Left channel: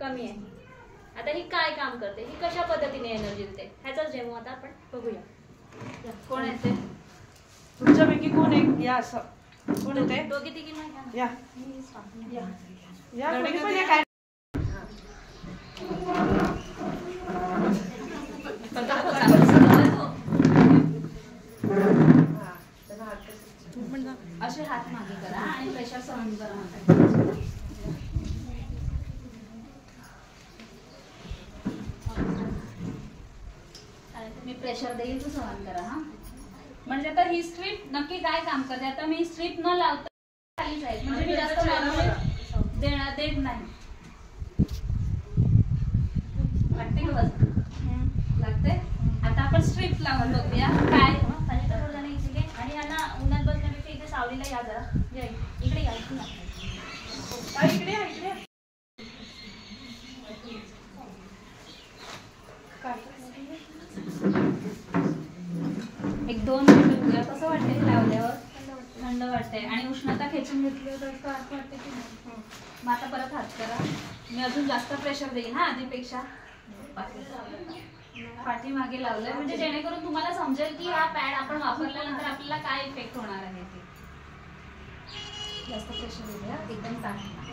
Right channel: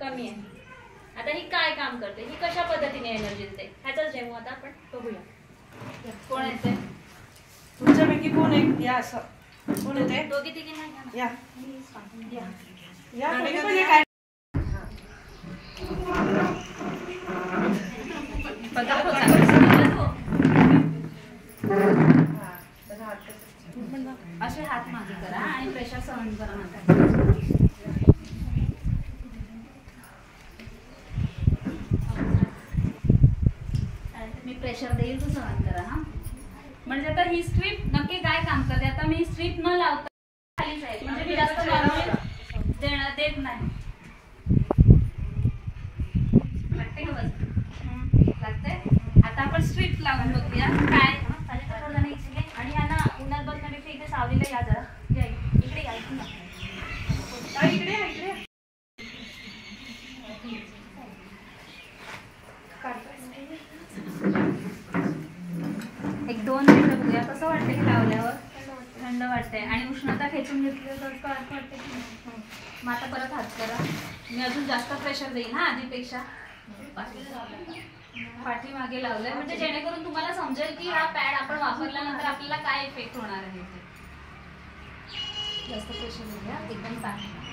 कमी आहे. आता ही काय काम करते, ही कशा पद्धतीने एनर्जी देते ह्याचाच डेमो आता आपण बघूया. कोण येते तुमच्यापैकी कोण आहे या असं कोण येते? दोघी तिघींना या या कोणी पण काय असे हात मागे करा आणि प्रेशर सहन करा म्हणतात. मी प्रेशर देईल तू सहन करा. हा म्हणजे आता ही स्ट्रीप नक्की काय काम करते. आता मी स्ट्रीप न लावता खालीच आहे म्हणजे मी जास्त नॉर्मली देत नाही. लागते का वजन लागते. आता आपण स्ट्रीप लावून बघूया काय. आणि यांना उन्हात बसण्यापेक्षा इथे सावलीला या जरा इकडे या इकडे एक 2 मिनिटं बघूया कसं वाटतंय हे लावल्यावर. थंड वाटतंय आणि उष्णता खेचून घेतली तर असं वाटतं की नाही. मग आता परत हात करा. मी अजून जास्त प्रेशर देईल हा आधीपेक्षा. पाठीमागे लावलंय म्हणजे जेणेकरून तुम्हाला समजेल की हा पॅड आपण वापरल्यानंतर आपल्याला काय इफेक्ट होणार आहे. जास्त प्रेशर देऊया एकदम चांगलं.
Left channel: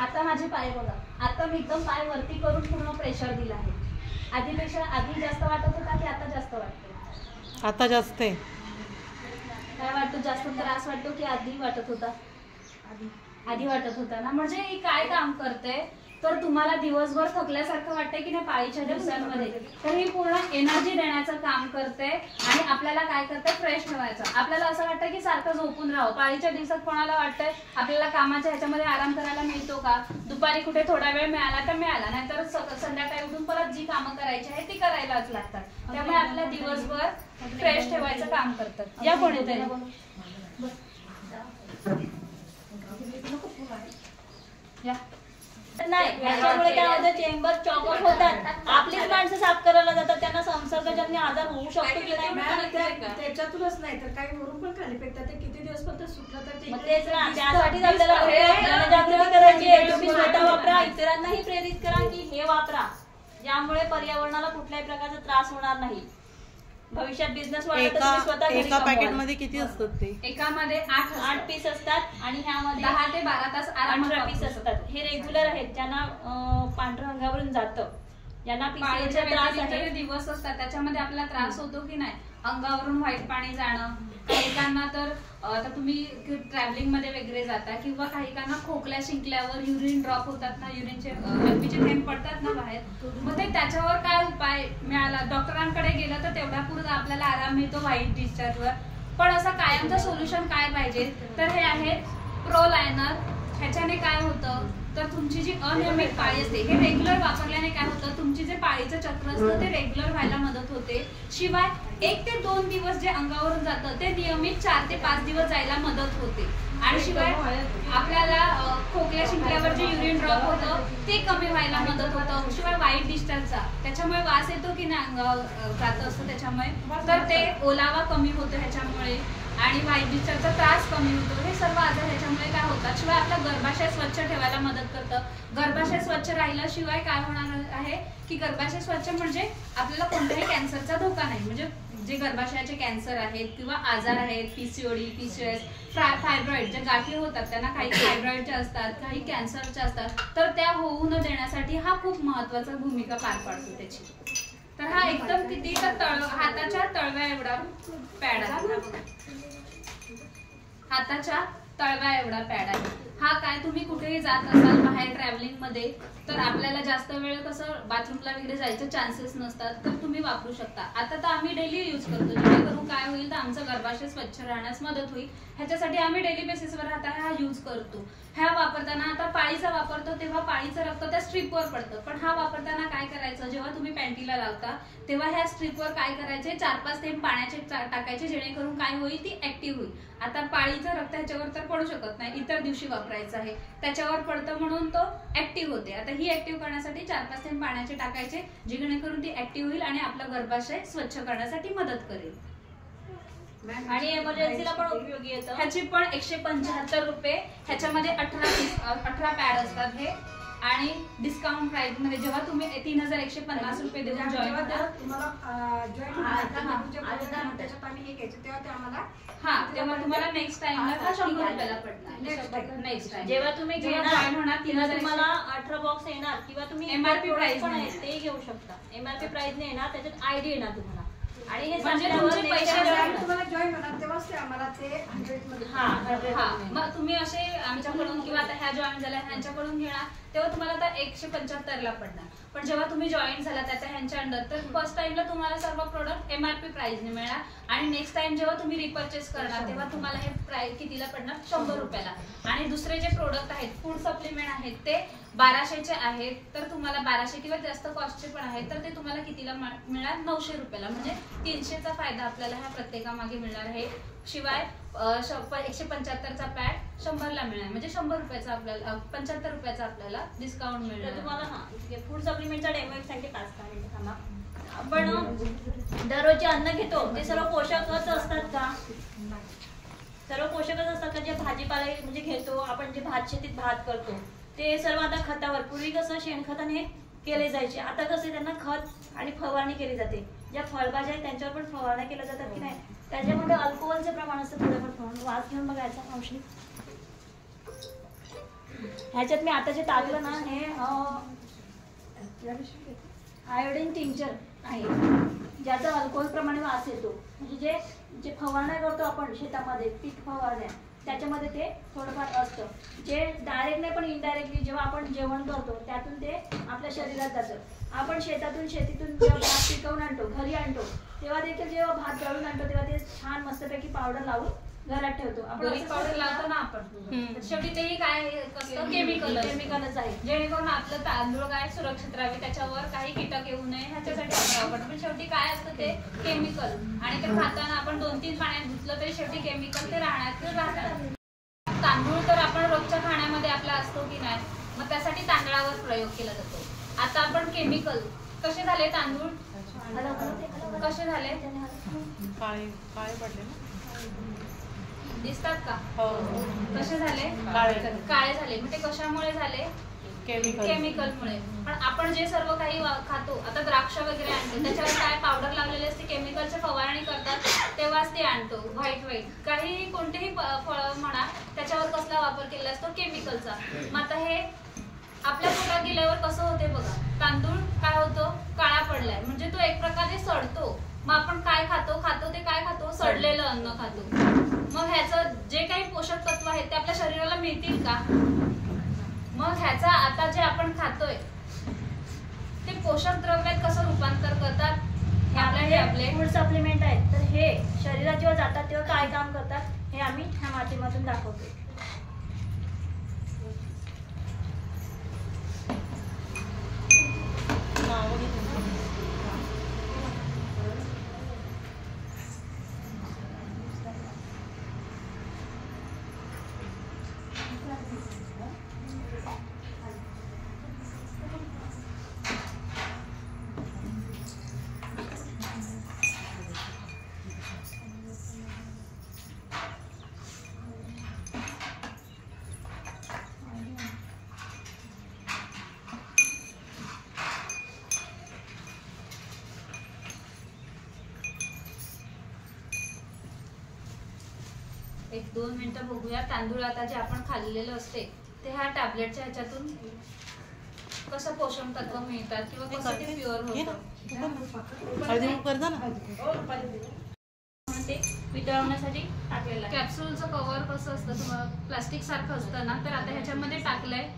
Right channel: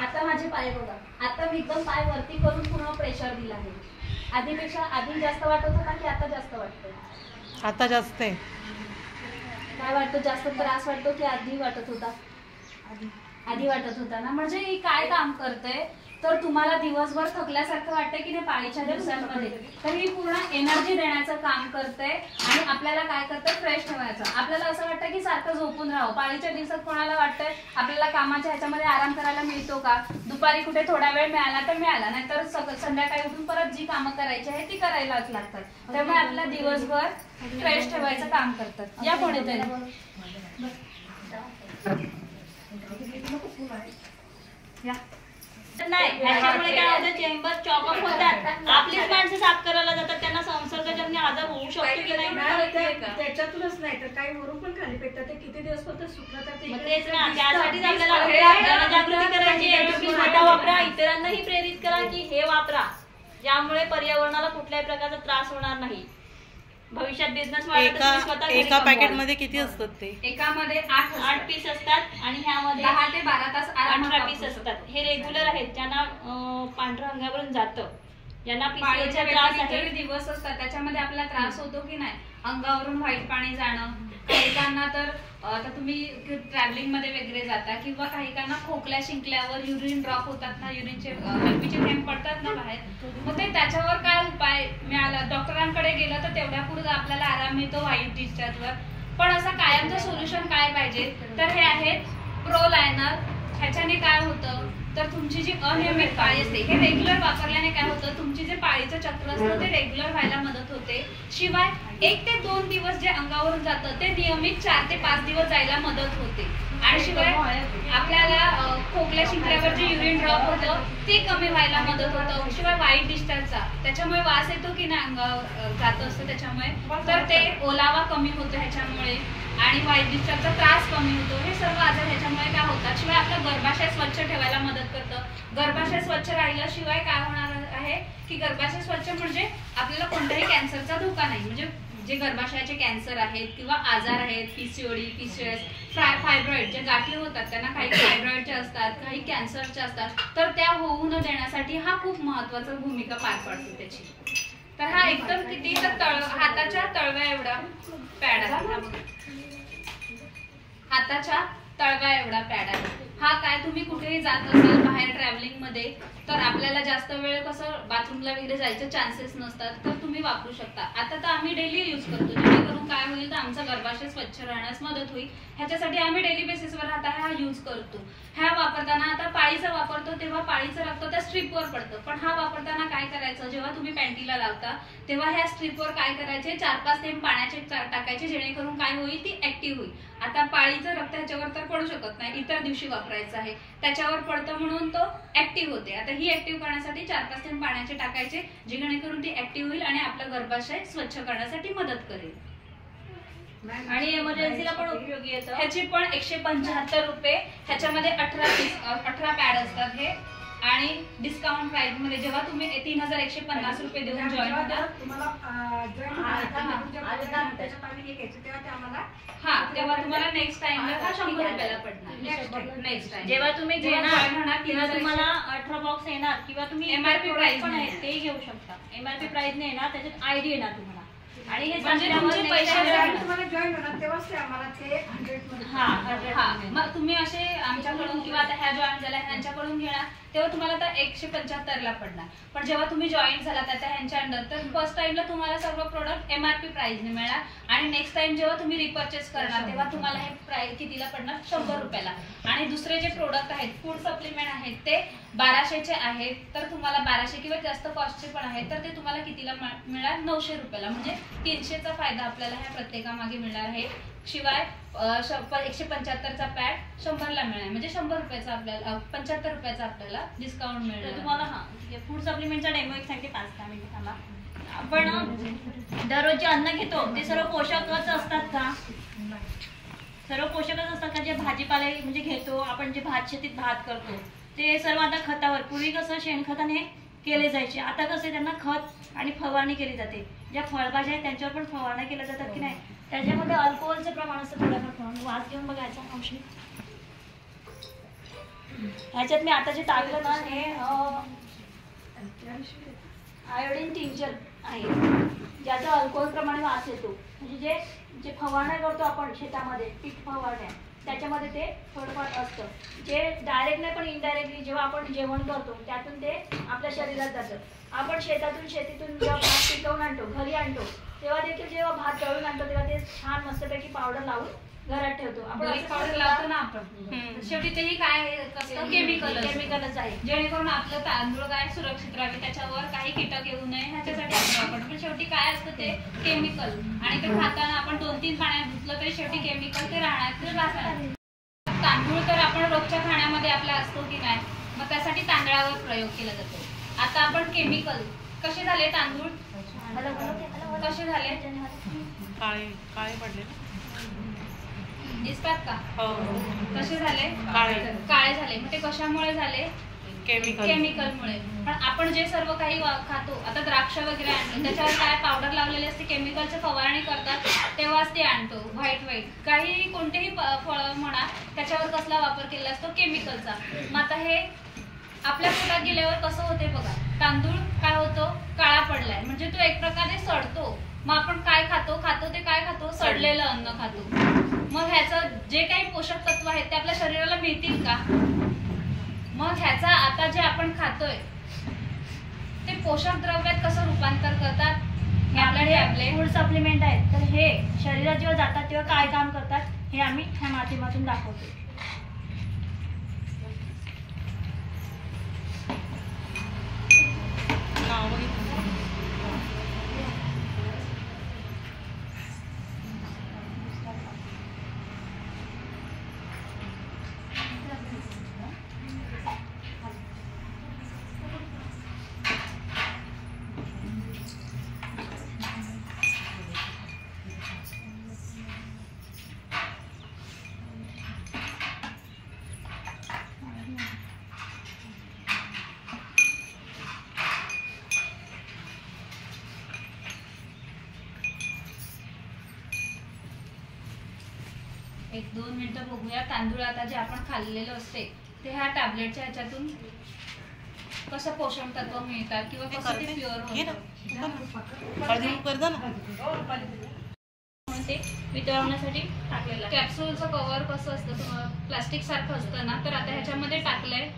आता माझे पाय बघा. आता मी एकदम पाय वरती करून पूर्ण प्रेशर दिला आहे. आधीपेक्षा आधी जास्त वाटत होता की आता जास्त वाटतं? आता जास्त आहे. काय वाटतं जास्त त्रास वाटतो की आधी वाटत होता? आधी वाटत होता ना. म्हणजे ही काय काम करते तर तुम्हाला दिवसभर थकल्यासारखं वाटतंय की नाही पाळीच्या दिवसांमध्ये तर ही पूर्ण एनर्जी देण्याचं काम करते आणि आपल्याला काय करतं फ्रेश ठेवायचं. आपल्याला असं वाटतं की सारखं झोपून राहावं. पाळीच्या दिवसात कोणाला वाटतंय आपल्याला कामाच्या ह्याच्यामध्ये आराम करायला मिळतो का. दुपारी कुठे थोडा वेळ मिळाला तर मिळाला नाहीतर संध्याकाळी उठून परत जी कामं करायची आहे ती करायलाच लागतात. त्यामुळे आपल्या दिवसभर फ्रेश ठेवायचं काम करतात. या कोण येते नाही त्याच्यामुळे काय होतं चेंबर चॉक ऑफ होतात. आपलीच माणसं साफ करायला जातात त्यांना संसर्गजन्य आजार होऊ शकतो की नाही. त्याच्यातूनच नाही तर काही वरून पण खाली पेटतात. ते किती दिवस पण सुकलं तर तेच ना. त्यासाठीच आपल्याला जनजागृती करायची आहे. तुम्ही स्वतः वापरा इतरांनाही प्रेरित करा की हे वापरा ज्यामुळे पर्यावरणाला कुठल्याही प्रकारचा त्रास होणार नाही. भविष्यात बिझनेस वाढला एका पॅकेट मध्ये किती असतात ते? एकामध्ये 8 पीस असतात आणि ह्यामध्ये 10 ते 12 तास 18 पीस असतात. हे रेग्युलर आहेत ज्यांना पांढऱ्या अंगावरून जातं ज्यांना पाळीच्या वेळेला दिवस असतात त्याच्यामध्ये आपल्याला त्रास होतो की नाही. अंगावरून व्हाईट पाणी जाणं. काहीकांना तर आता तुम्ही ट्रॅव्हलिंग मध्ये वगैरे जाता किंवा काहीकांना खोकल्या शिंकल्यावर युरिन ड्रॉप होतात ना. युरिनचे लघवीचे थेंब पडतात ना बाहेर. मग ते त्याच्यावर काय उपाय मिळाला. डॉक्टरांकडे गेलं तर तेवढ्या पुरतं आपल्याला आराम मिळतो व्हाईट डिस्चार्जवर. पण असं कायमचं सोल्युशन काय पाहिजे तर हे आहे प्रो लायनर. ह्याच्याने काय होतं तर तुमची जी अनियमित पाळी असते हे रेग्युलर वापरल्याने काय होतं तुमची जे पाळीचं चक्र असतं ते रेग्युलर व्हायला मदत होते. शिवाय 1 ते 2 दिवस जे अंगावरून जातं ते नियमित 4 ते 5 दिवस जायला मदत होते. आणि शिवाय आपल्याला खोकल्या शिंकल्यावर जे युरिन ड्रॉप होतं ते कमी व्हायला मदत होतं. शिवाय व्हाईट डिस्चार्जचा त्याच्यामुळे वास येतो की नाही अंगावर जात असतं त्याच्यामुळे तर ते ओलावा कमी होतो ह्याच्यामुळे आणि व्हाईट डिस्चार्जचा त्रास कमी होतो. हे सर्व आजार ह्याच्यामुळे काय होतात. शिवाय आपला गर्भाशय स्वच्छ ठेवायला मदत करतं. गर्भाशय स्वच्छ राहिल्याशिवाय काय होणार आहे की गर्भाशय स्वच्छ म्हणजे आपल्याला कोणत्याही कॅन्सरचा धोका नाही. म्हणजे जे गर्भाशयाचे कॅन्सर आहेत किंवा आजार आहेत पीसीओडी पीसीएस फायब्रॉइड ज्या गाठी होतात त्यांना काही फायब्रॉइडच्या असतात काही कॅन्सरच्या असतात तर त्या होऊ न देण्यासाठी हा खूप महत्वाचा भूमिका पार पाडतो त्याची. तर हा एकदम किती तर हाताच्या तळव्या एवढा पॅड आहे. हाताच्या तळव्या एवढा पॅड आहे हा. काय तुम्ही कुठेही जात असाल बाहेर ट्रॅव्हलिंग मध्ये तर आपल्याला जास्त वेळ कसं बाथरूमला वगैरे जायचे चान्सेस नसतात तर तुम्ही वापरू शकता. आता तर आम्ही डेली यूज करतो जेणेकरून काय होईल तर आमचा गर्भाशय स्वच्छ राहण्यास मदत होईल. ह्याच्यासाठी आम्ही डेली बेसिसवर आता हा यूज करतो. ह्या वापरताना आता पाळीचा वापरतो तेव्हा पाळीचं रक्त त्या स्ट्रीपवर पडतं. पण हा वापरताना काय करायचं जेव्हा तुम्ही पॅन्टीला लावता तेव्हा ह्या स्ट्रीपवर काय करायचे 4-5 थेंब पाण्याचे टाकायचे जेणेकरून काय होईल ती ऍक्टिव्ह होईल. आता पाळीचं रक्त ह्याच्यावर तर पडू शकत नाही इतर दिवशी वापरायचं आहे त्याच्यावर पडतं म्हणून तो ऍक्टिव्ह होते. आता ही ऍक्टिव्ह करण्यासाठी 4-5 थेंब पाण्याचे टाकायचे जेणेकरून ती ऍक्टिव्ह होईल आणि आपलं गर्भाशय स्वच्छ करण्यासाठी मदत करेल. आणि एमर्जन्सीला पण उपयोगी येतं. ह्याची पण 175 रुपये. ह्याच्यामध्ये 18 पॅड असतात हे. आणि डिस्काउंट प्राइस मध्ये जेव्हा तुम्ही 3150 रुपये देऊन जॉईन होता तेव्हा तुम्हाला नेक्स्ट टाइमला 100 रुपयाला पडणार. नेक्स्ट टाइम जेव्हा तुम्ही घेणार होणार तेव्हा तुम्हाला 18 बॉक्स येणार किंवा तुम्ही MRP प्राइस पण आहे ते घेऊ शकता. एमआरपी प्राइस ने येणार, त्याच्यात आयडी येणार तुम्हाला. आणि हे म्हणजे तुमचे तुमचे पैसे तुम्हाला जॉईन होणार तेव्हाच ते आम्हाला ते 100 मध्ये. मग तुम्ही असे आमच्याकडून किंवा आता ह्या जॉईन झाल्या ह्यांच्याकडून घेणार तेव्हा तुम्हाला आता 175 ला पडणार. पण जेव्हा तुम्ही जॉईन झाला त्या ह्यांच्या अंडर तर फर्स्ट टाइमला तुम्हाला सर्व प्रोडक्ट एमआरपी प्राइस ने मिळणार. आणि नेक्स्ट टाइम जेव्हा तुम्ही रिपर्चेस करणार तेव्हा तुम्हाला हे प्राइस कितीला पडणार? 100 रुपयाला. आणि दुसरे जे प्रोडक्ट आहेत फूड सप्लिमेंट आहेत ते 1200चे आहेत. तर तुम्हाला 1200 किंवा जास्त कॉस्टचे पण आहेत तर ते तुम्हाला कितीला मिळणार? 900 रुपयाला. म्हणजे 300चा फायदा आपल्याला ह्या प्रत्येकामागे मिळणार आहे. शिवाय 175चा पॅड 100ला मिळणार. म्हणजे 100 रुपयाचा आपल्याला 75 रुपयाचा आपल्याला डिस्काउंट मिळणार. तुम्हाला फूड सप्लिमेंटचा डेमो एक साठी 5 मिनिटं थांबा. आपण दररोज जे अन्न घेतो ते सर्व पोषकच असतात का? सर्व पोषकच असतात का? जे भाजीपाले म्हणजे घेतो आपण, जे भात शेतीत भात करतो ते सर्व आता खतावर, पूर्वी कसं शेणखताने केले जायचे, आता कसं त्यांना खत आणि फवारणी केली जाते. ज्या फळभाज्या आहेत त्यांच्यावर पण फवारणी केल्या जातात की नाही, त्याच्यामध्ये अल्कोहोलचं प्रमाण असतं थोडंफार. वास घेऊन बघायचा औषध. ह्याच्यात मी आता जे टाकलं ना हे आयोडीन टिंचर आहे, ज्याचा अल्कोहोल प्रमाणे वास येतो. म्हणजे जे फवारण्या करतो आपण शेतामध्ये, पीक फवारण्या, त्याच्यामध्ये ते थोडंफार असतं. जे डायरेक्ट नाही पण इनडायरेक्टली जेव्हा आपण जेवण करतो त्यातून ते आपल्या शरीरात जातं. आपण शेतीतून जेव्हा भात पिकवून आणतो, घरी आणतो, तेव्हा देखील जेव्हा भात दळून आणतो तेव्हा ते छान मस्तपैकी पावडर लावून घरात ठेवतो. आपण पावडर लावतो ना आपण. शेवटी तेही काय केमिकलच आहे. जेणेकरून आपलं तांदूळ काय सुरक्षित राहावे, त्याच्यावर काही कीटक येऊ नये ह्याच्यासाठी आपण वापरतो. पण शेवटी काय असतं ते केमिकल. आणि ते खाताना आपण 2-3 पाण्यात धुतलं तरी शेवटी केमिकल ते राहतात. तांदूळ तर आपण रोजच्या खाण्यामध्ये आपला असतो की नाही, मग त्यासाठी तांदळावर प्रयोग केला जातो. आता आपण केमिकल कसे झाले? तांदूळ कसे झाले? काळे पडले दिसतात का? कसे झाले? काळे झाले. मग ते कशामुळे झाले? केमिकलमुळे. पण आपण जे सर्व काही खातो, आता द्राक्ष वगैरे आणले त्याच्यावर काय पावडर लागलेले असते, केमिकलची फवारणी करतात तेव्हाच ते आणतो. व्हाईट काही कोणतेही फळ म्हणा त्याच्यावर कसला वापर केला असतो? केमिकलचा. मग आता हे आपल्या पोटात गेल्यावर कसं होते बघा, तांदूळ काय होतो? काळा पडलाय. म्हणजे तो एक प्रकारे सडतो. मग आपण काय खातो ते काय खातो? सडलेलं अन्न खातो. मग ह्याचं जे काही पोषक तत्व आहेत ते आपल्या शरीराला मिळतील का? मग ह्याचा आता जे आपण खातोय ते पोषक द्रव्यात कसं रूपांतर करतात? आपले फूड सप्लिमेंट आहेत तर हे शरीरात जेव्हा जातात तेव्हा काय काम करतात हे आम्ही ह्या माध्यमातून दाखवतो. एक 2 मिनिटं बघूया. तांदूळ आता जे आपण खाल्लेलं असते ते ह्या टॅबलेटच्या ह्याच्यातून कसं पोषण तत्व मिळतात किंवा कसं ते प्युअर होतं ते वितळवण्यासाठी टाकलेलं. कॅप्सूलचं कव्हर कसं असतं तुम्हाला प्लास्टिक सारखं असतं ना, तर आता ह्याच्यामध्ये टाकलंय.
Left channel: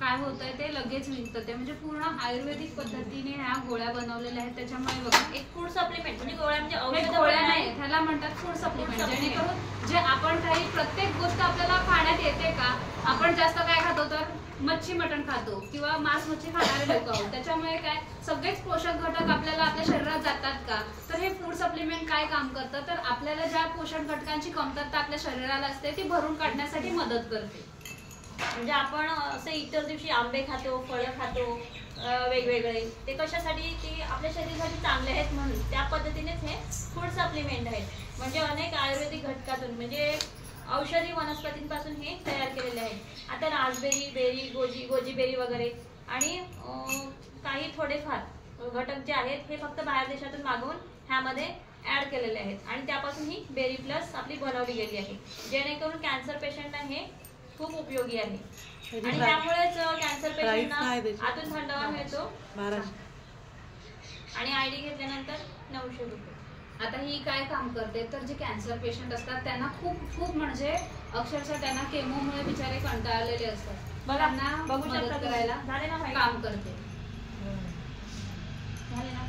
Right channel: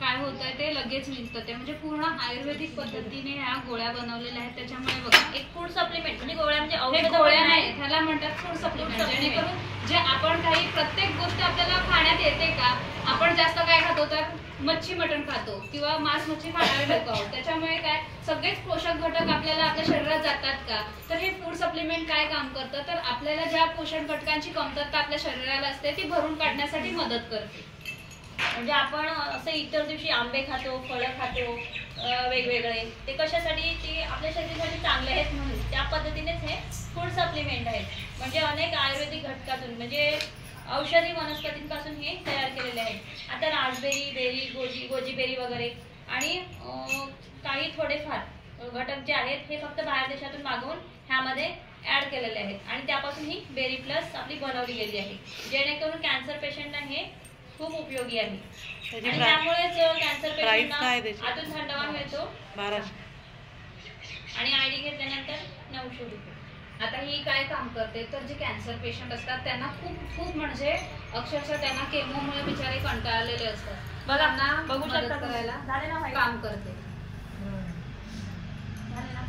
काय होतंय ते लगेच निघतं. ते म्हणजे पूर्ण आयुर्वेदिक पद्धतीने ह्या गोळ्या बनवलेल्या आहेत. त्याच्यामुळे बघा एक फूड सप्लिमेंट म्हणजे गोळ्या म्हणजे औषध गोळ्या नाही, त्याला म्हणतात फूड सप्लिमेंट. जेणेकरून जे आपण काही प्रत्येक गोष्ट आपल्याला खाण्यात येते का, आपण जास्त काय खातो तर मच्छी मटण खातो किंवा मांस मच्छी खाणारे लोक आहोत. त्याच्यामुळे काय सगळेच पोषक घटक आपल्याला आपल्या शरीरात जातात का, तर हे फूड सप्लिमेंट काय काम करतं तर आपल्याला ज्या पोषक घटकांची कमतरता आपल्या शरीराला असते ती भरून काढण्यासाठी मदत करते. म्हणजे आपण असं इतर दिवशी आंबे खातो, फळं खातो वेगवेगळे, ते कशासाठी, ते आपल्या शरीरासाठी चांगले आहेत म्हणून त्या पद्धतीनेच हे फूड सप्लिमेंट आहेत. म्हणजे अनेक आयुर्वेदिक घटकातून म्हणजे औषधी वनस्पतींपासून हे तयार केलेले आहेत. आता रासबेरी, बेरी, गोजी बेरी वगैरे आणि काही थोडेफार घटक जे आहेत हे फक्त बाहेर देशातून मागवून ह्यामध्ये ऍड केलेले आहेत आणि त्यापासून ही बेरी प्लस आपली बनवली गेली आहे, जेणेकरून कॅन्सर पेशंटना हे खूप उपयोगी आहे. आणि त्यामुळेच कॅन्सर पेशंटना आतून थंडावा मिळतो. आणि आयडी घेतल्यानंतर 900 रुपये. आता ही काय काम करते तर जे कॅन्सर पेशंट असतात त्यांना खूप म्हणजे अक्षरशः त्यांना केमोमुळे बिचारे कंटाळलेले असतात, त्यांना बघू मदत शकता करायला झाले ना काम करते. झाले ना.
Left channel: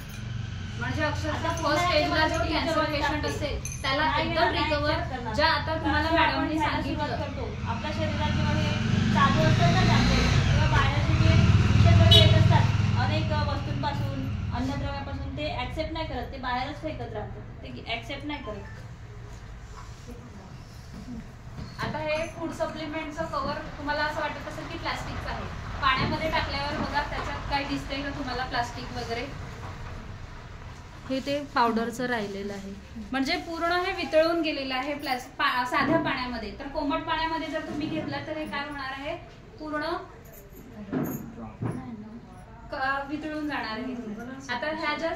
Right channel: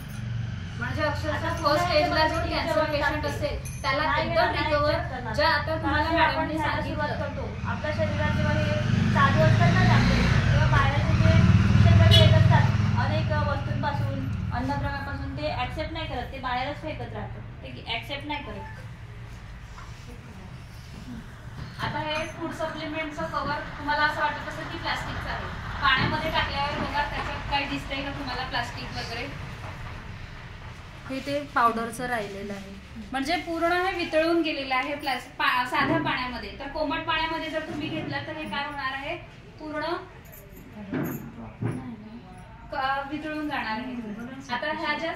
म्हणजे अक्षरशः फर्स्ट स्टेजला जो कॅन्सर पेशंट असेल त्याला एकदम रिकवर, ज्या आता तुम्हाला मॅडमने सुरुवात सांगितलं करतो. आपल्या शरीरात जेव्हा हे चालू असतात ना टॅबलेट, तेव्हा बाहेरचे जे विषय येत असतात अनेक वस्तूंपासून, अन्नद्रव्यापासून, ते ऍक्सेप्ट नाही करत, ते बाहेरच फेकत राहतात, ते ऍक्सेप्ट नाही करत. आता हे फूड सप्लिमेंटचं कव्हर तुम्हाला असं वाटत असेल की प्लास्टिकचं आहे, पाण्यामध्ये टाकल्यावर बघा त्याच्यात काही दिसतंय का तुम्हाला प्लास्टिक वगैरे, हे ते पावडरचं राहिलेलं आहे. म्हणजे पूर्ण हे वितळून गेलेलं आहे साध्या पाण्यामध्ये. तर कोमट पाण्यामध्ये जर तुम्ही घेतलं तर हे काय होणार आहे, पूर्ण वितळून जाणार आहे. आता ह्या ज्या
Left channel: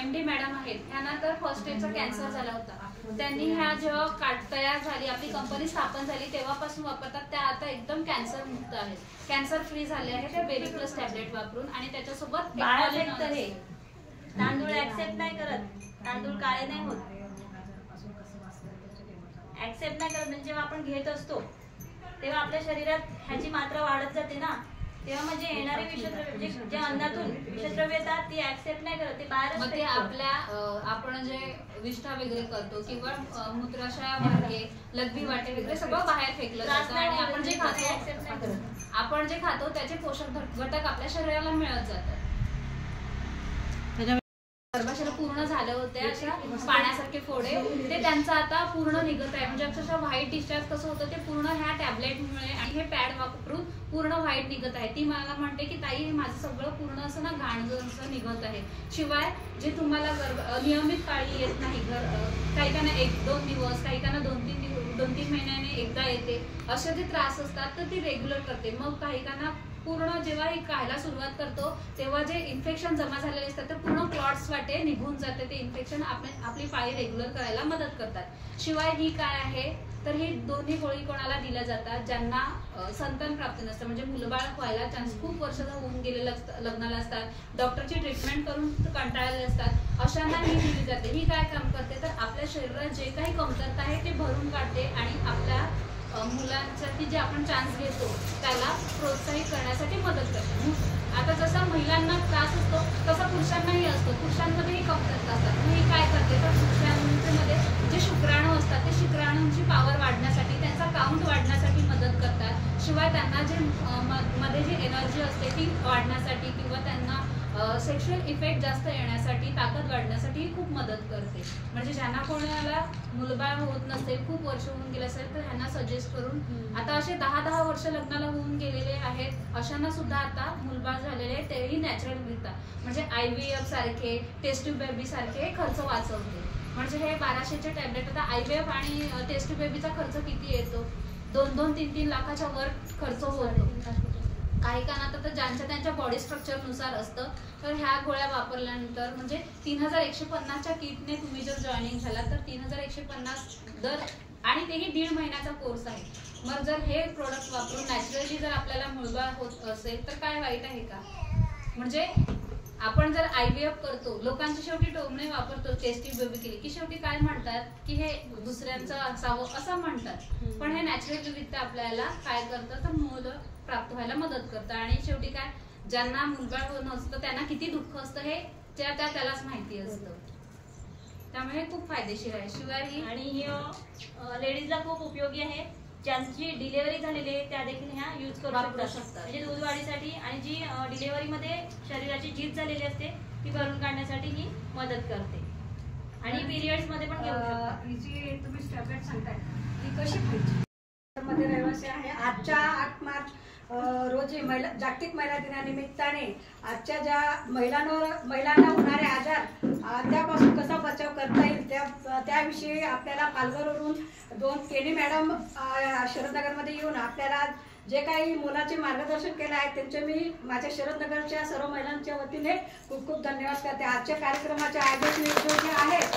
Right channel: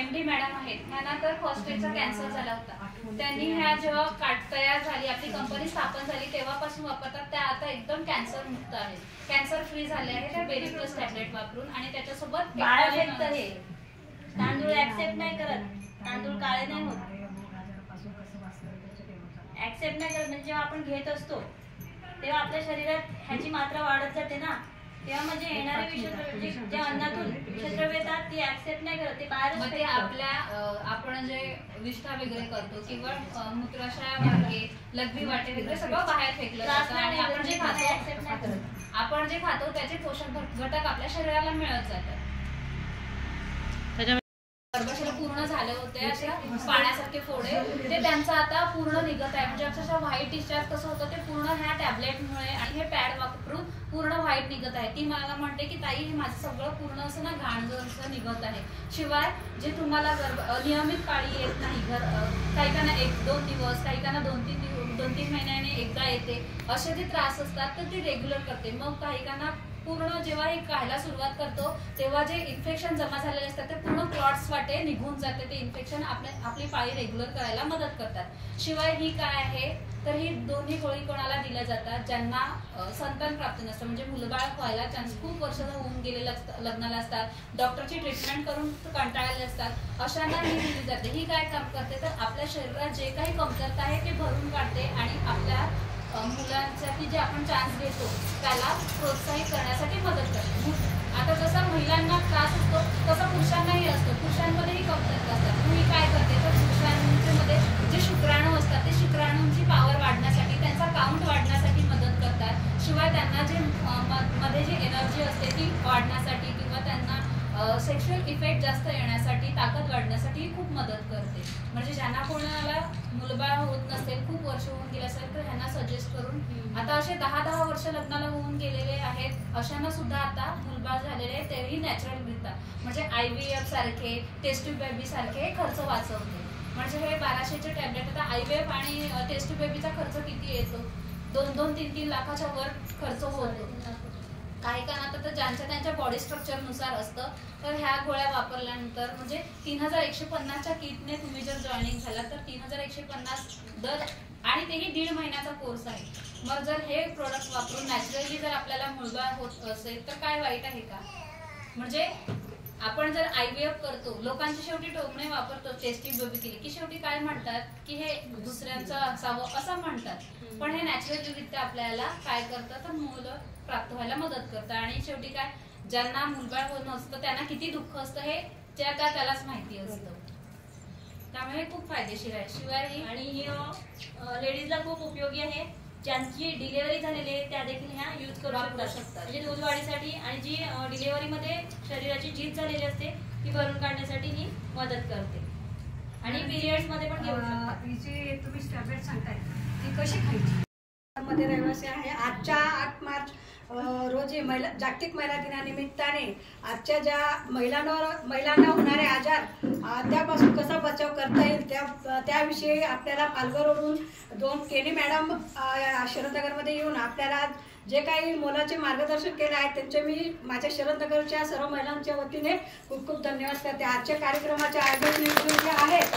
MD मॅडम आहेत ह्यांना तर फर्स्ट स्टेजचा कॅन्सर झाला होता. त्यांनी ह्या जेव्हा तयार झाली, आपली कंपनी स्थापन झाली तेव्हापासून वापरतात त्या आता एकदम कॅन्सर मुक्त आहेत, कॅन्सर फ्री झाले आहे त्या बेरी प्लस टॅबलेट वापरून. आणि त्याच्यासोबत तांदूळ ऍक्सेप्ट नाही करत, तांदूळ काळे नाही होत, ऍक्सेप्ट नाही करत. म्हणजे जेव्हा आपण घेत असतो तेव्हा आपल्या शरीरात ह्याची मात्रा वाढत जाते ना, तेव्हा म्हणजे येणारे विषद्रव्य जे अन्नातून विषद्रव्य येतात ती ऍक्सेप्ट नाही करत, ते बाहेरच ते आपल्या आपण जे विष्ठा वगैरे करतो किंवा मूत्राशय मार्गे लघवी वाटे वगैरे सगळं बाहेर फेकलं जातं. आणि आपण जे खातो त्याचे पोषक घटक आपल्या शरीराला मिळत जातात. गर्भाशय पूर्ण झालं होते अशा पाण्यासारखे फोडे, ते त्यांचं आता पूर्ण निघत आहे. म्हणजे अक्षरशः व्हाईट डिस्चार्ज कसं होतं ते पूर्ण ह्या टॅबलेटमुळे आणि हे पॅड वापरून पूर्ण व्हाईट निघत आहे. ती मला म्हणते की ताई माझं सगळं पूर्ण असं ना घाण निघत आहे. शिवाय जे तुम्हाला नियमित पाळी येत नाही, काहीकांना 1-2 दिवस, काहीकांना 2-3 महिन्याने एकदा येते, असे जे त्रास असतात तर ती रेग्युलर करते. मग काहीकांना पूर्ण जेव्हा हे खायला सुरुवात करतो तेव्हा जे इन्फेक्शन जमा झालेले असतात ते पूर्ण क्लॉट्स वाटे निघून जाते. ते इन्फेक्शन आपली पाळी रेग्युलर करायला मदत करतात. शिवाय ही काय आहे तर ही दोन्ही गोळी कोणाला दिल्या जातात ज्यांना संतान प्राप्त नसतं, म्हणजे मुलबाळ व्हायला चान्स खूप वर्ष होऊन गेलेले लग्नाला असतात, डॉक्टरची ट्रीटमेंट करून कंटाळलेले असतात, अशांना ही दिली जाते. ही काय काम करते तर आपल्या शरीरात जे काही कमतरता आहे ते भरून काढते आणि आपल्या मुलांसाठी जे आपण चान्स घेतो त्याला प्रोत्साहित करण्यासाठी मदत करते. आता जसा महिलांना त्रास असतो तसा पुरुषांनाही असतो, पुरुषांमध्येही कमतरता असतात. मग ही काय करते तर पुरुषांमध्ये जे शुक्राणू असतात ते शुक्राणूंची पावर वाढण्यासाठी, त्यांचा काउंट वाढण्यासाठी मदत करतात. शिवाय त्यांना जे मध्ये जी एनर्जी असते ती वाढण्यासाठी किंवा त्यांना सेक्शुअल इफेक्ट जास्त येण्यासाठी, ताकद वाढण्यासाठी खूप मदत करते. म्हणजे ज्यांना कोणाला मुलबाळ होत नसेल, खूप वर्ष होऊन गेले असेल तर ह्यांना सजेस्ट करून, आता असे 10-10 वर्ष लग्नाला होऊन गेलेले आहेत अशांना सुद्धा आता मुलबाळ झालेले आहेत, तेही नॅचरल मिळतात. म्हणजे IVF सारखे, टेस्ट ट्यूब बेबी सारखे खर्च वाचवते. म्हणजे हे 1200चे टॅबलेट, आता IVF आणि टेस्ट ट्यूब बेबीचा खर्च किती येतो, 2-3 लाखाच्या वर खर्च होतो. काही कानात तर ज्यांच्या त्यांच्या बॉडी स्ट्रक्चरनुसार असतं. तर ह्या गोळ्या वापरल्यानंतर म्हणजे 3150च्या किटने तुम्ही जर जॉईनिंग झाला तर 3150 दर, आणि तेही 1.5 महिन्याचा कोर्स आहे. मग जर हे प्रोडक्ट वापरून नॅचरली जर आपल्याला मुलबाळ होत असेल तर काय वाईट आहे का? म्हणजे आपण जर IVF करतो, लोकांची शेवटी टोमणे वापरतो, टेस्ट ट्यूब बेबी केली की शेवटी काय म्हणतात की हे दुसऱ्यांचं असावं असं म्हणतात. पण हे नॅचरलरित्या आपल्याला काय करतं तर मुलं प्राप्त व्हायला मदत करतं. आणि शेवटी काय, ज्यांना मुलबाळ होत नसतं त्यांना किती दुःख असतं हे त्यालाच माहिती असतं. त्यामुळे खूप फायदेशीर आहे. शिवाय आणि लेडीजला खूप उपयोगी आहे. ज्यांची डिलिव्हरी झालेली आहे त्या देखील ह्या यूज करू शकतात. म्हणजे दूध वाढीसाठी आणि जी डिलिव्हरीमध्ये शरीराची झीज झालेली असते ती भरून काढण्यासाठी ही मदत करते. आणि पिरियड्स मध्ये पण घेऊ शकतात. ही जी तुम्ही टॅबलेट सांगताय ती कशी खायची? शहरामध्ये रहिवासी आहे. आजच्या 8 मार्च रोजी जागतिक महिला दिनानिमित्ताने आजच्या ज्या महिलांना होणारे आजार त्यापासून कसा बचाव करता येईल त्याविषयी आपल्याला पालघरवरून 2 केनी मॅडम शरदनगरमध्ये येऊन आपल्याला जे काही मोलाचे मार्गदर्शन केले आहे त्यांचे मी माझ्या शरदनगरच्या सर्व महिलांच्या वतीने खूप खूप धन्यवाद करते. आजच्या कार्यक्रमाचे आयोजक जे आहेत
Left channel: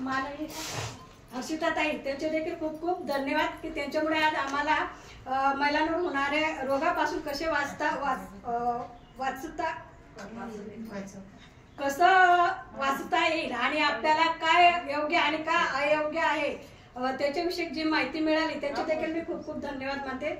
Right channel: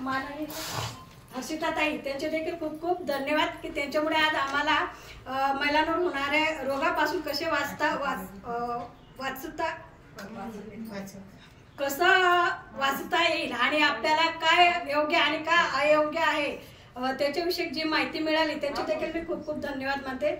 माननीय हर्षिताताई त्यांचे देखील खूप खूप धन्यवाद की त्यांच्यामुळे आज आम्हाला महिलांवर होणाऱ्या रोगापासून कसे वाचता येईल आणि आपल्याला काय योग्य आणि काय अयोग्य आहे त्याच्याविषयी जी माहिती मिळाली त्याचे देखील मी खूप खूप धन्यवाद मानते.